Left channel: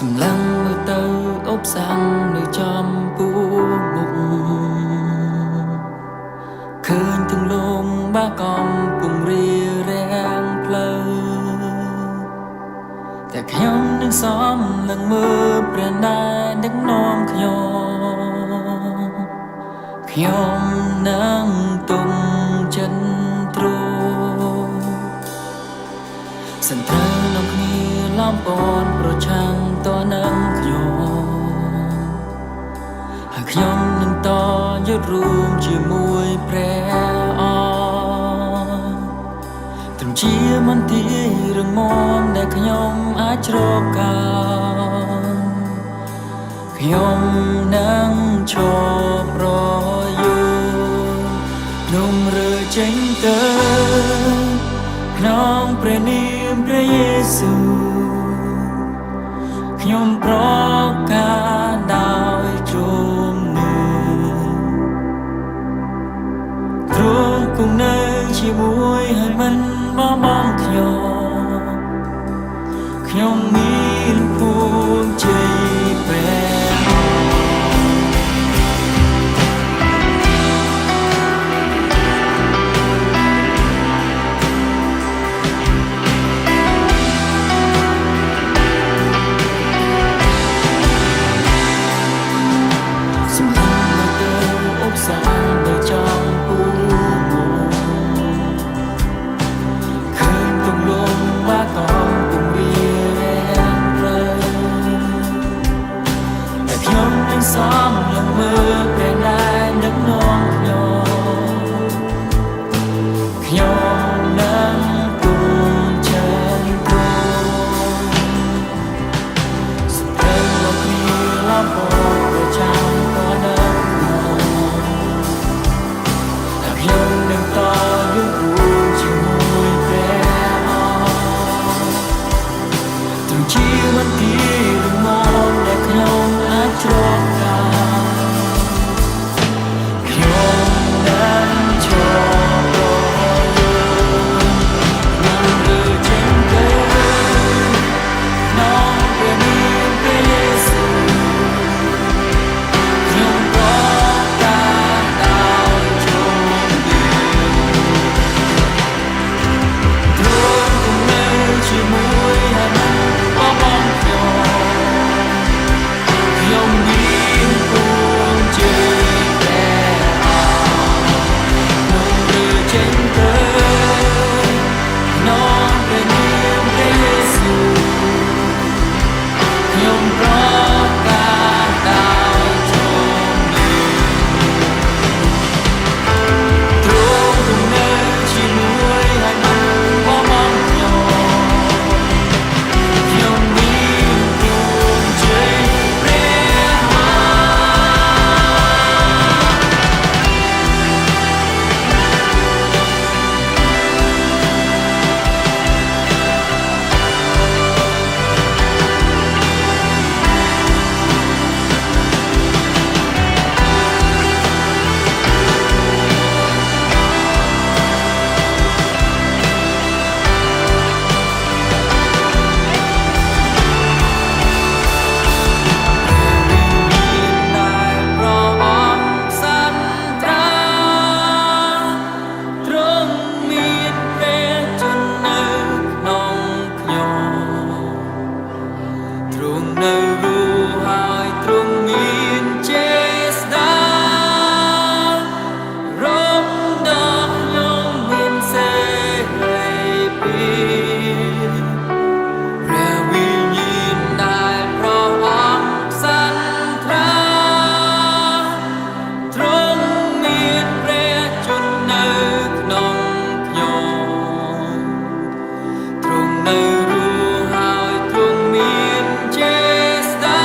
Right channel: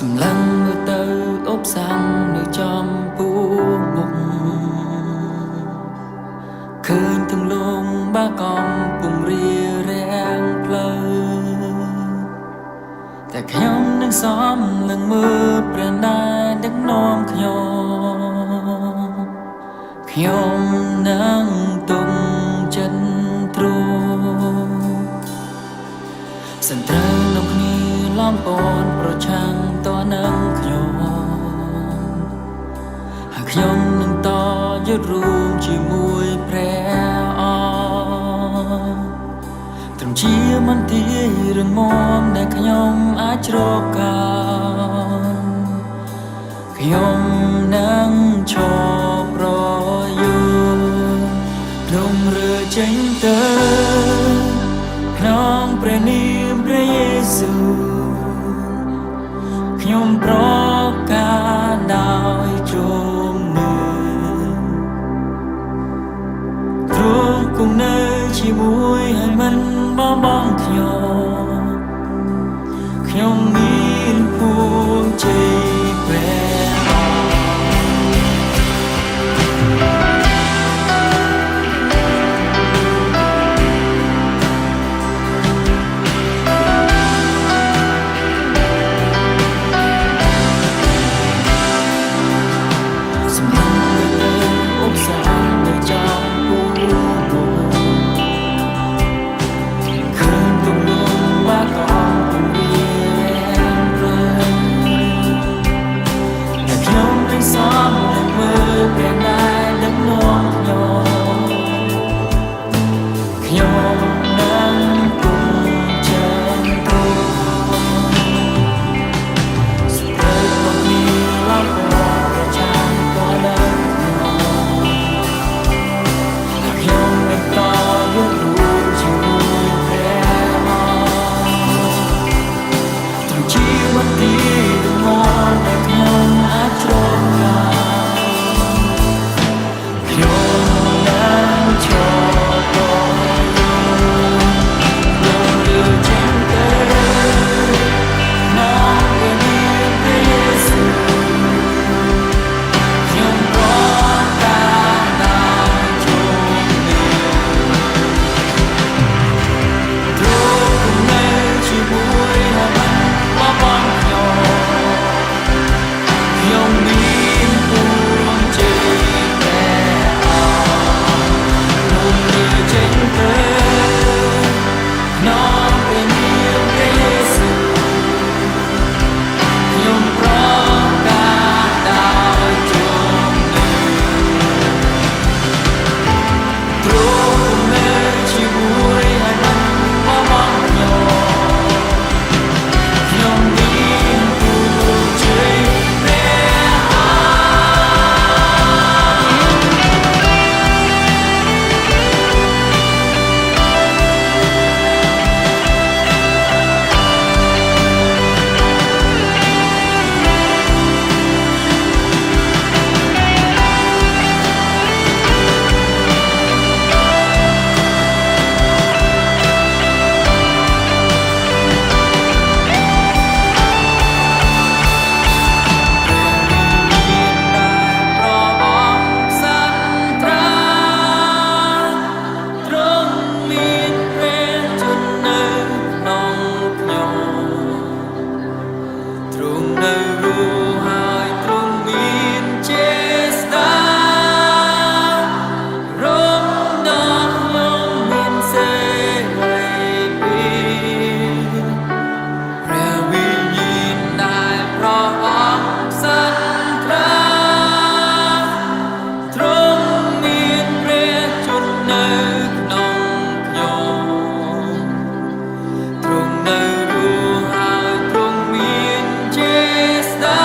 សម្លឹងមើលទៅអបសាំងនៅចំពោះមុខឃើញទាំងលងបាកំពុងរៀបរៀងផ្លូវតែខ្ញុំនឹងសំលឹងមើលព្រះណែនដឹកនាំខ្ញុំនឹងទុំចិនទ្រូសិនត្រូវនាំគ្នាឡំពនប្រឆាំងតនឹងហើយខ្ញុំនឹងតយុទ្ធរួមជាមួយព្រះអង្គត្រឹមជាមន្ទីររងមាំដែលខ្ញុំអាចជ្រកកោនខ្ញុំនឹងឈប់ប្រយុទ្ធភ្នំរើចេញទៅក្នុងព្រះនាមព្រះយេស៊ូវខ្ញុំប្រកាសដោយជំនឿទ្រង់គង់នៅជាមួយហើយមិនបោះបង់ខ្ញុំមានពួងជ័យព្រះសម្លឹងមើលទៅអបសាងនៅចំពោះមុខឃើញទំលងបាកំពុងរៀបរៀងផ្លូវតែខ្ញុំនឹងសំលឹងមើលព្រះណែនដឹកនាំខ្ញុំនឹងទុំចិនទ្រូស្ត្រីលោកគ្នាឡំពណ៌ប្រឆាំងតនឹងខ្ញុំនឹងតយុទ្ធរួមជាមួយព្រះអង្គត្រឹមជាមន្ទីររងមាំដែលខ្ញុំអាចជ្រកកោនខ្ញុំនឹងឈប់ប្រយុទ្ធខ្ញុំរើចេញទៅក្នុងព្រះនាមព្រះយេស៊ូវខ្ញុំប្រកាសដោយជំនឿទ្រង់គង់នៅជាមួយហើយមិនបោះបង់ខ្ញុំមានពួងជ័យព្រះអង្គខ្ញុំរើចេញទៅក្នុងព្រះនាមព្រះយេស៊ូវខ្ញុំប្រកាសដោយជំនឿទ្រង់គង់នៅជាមួយហើយមិនបោះបង់ខ្ញុំមានពួងជ័យព្រះទ្រង់នៅរស់ហើយទ្រង់មានចេស្តារំដល់ខ្ញុំមានសេរីភាពព្រះវិញ្ញាណដែលព្រះអង្គផ្សន្ត្រាទ្រង់មានព្រះជន្មនៅក្នុងខ្ញុំទ្រង់នៅរស់ហើយទ្រង់មានចេស្តា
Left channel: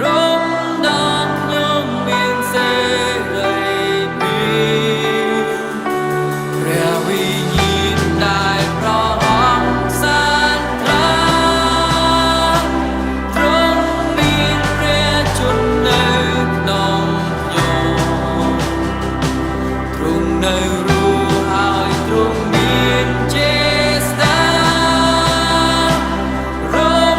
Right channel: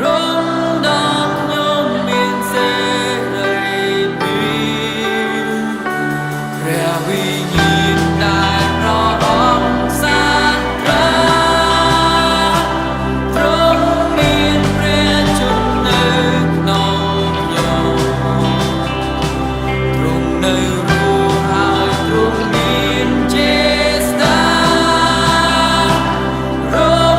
រំដល់ខ្ញុំមានសេរីភាពព្រះវិញ្ញាណដែលព្រះអង្គផ្សន្ត្រាទ្រង់មានព្រះជន្មនៅក្នុងខ្ញុំទ្រង់នៅរស់ហើយទ្រង់មានចេស្តារំ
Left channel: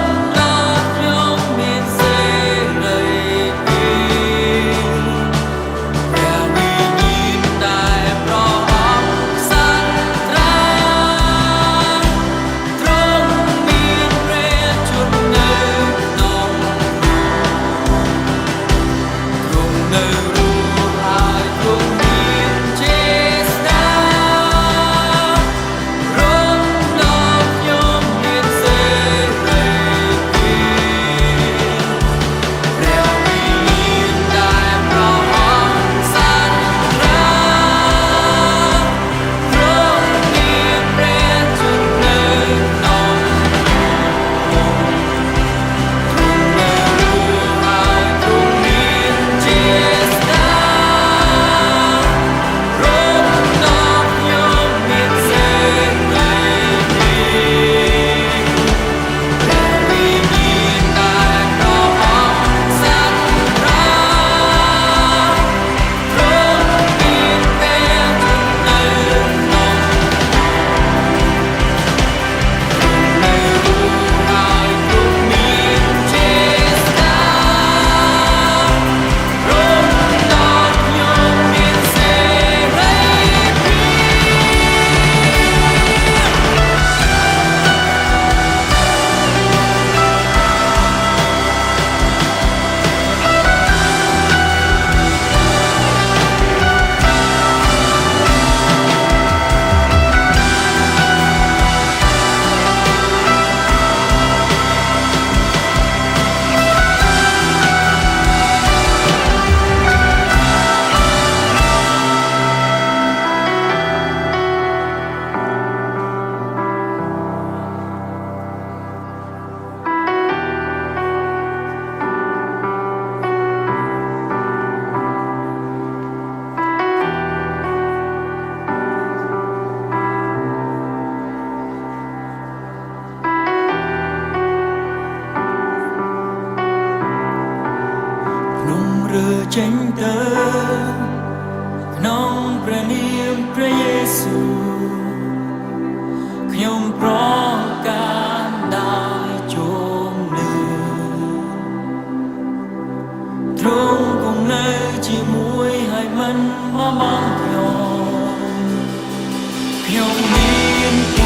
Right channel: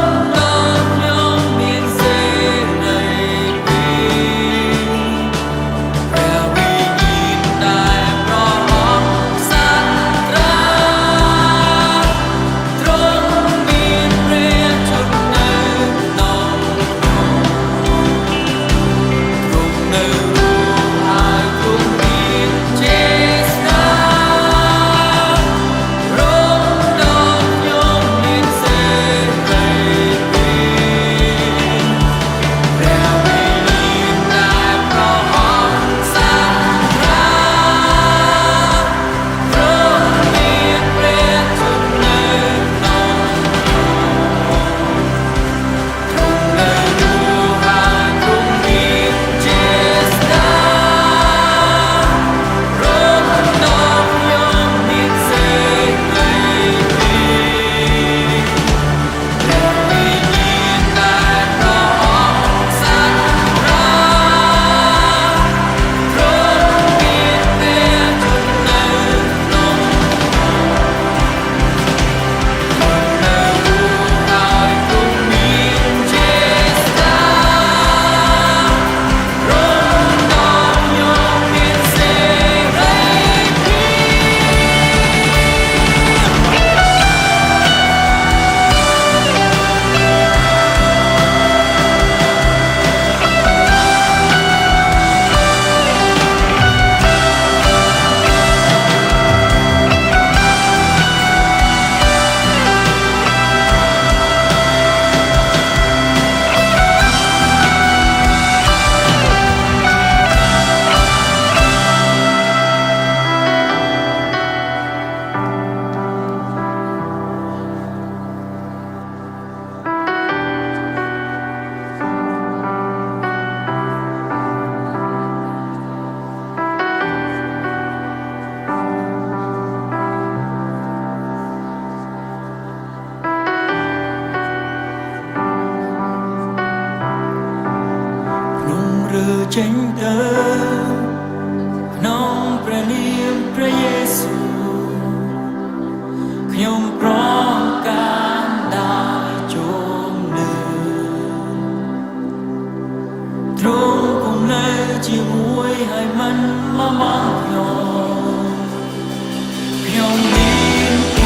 ចេញទៅក្នុងព្រះនាមព្រះយេស៊ូវខ្ញុំប្រកាសដោយជោមនៅទ្រង់គង់នៅជាមួយហើយមិនបោះបង់ខ្ញុំមាន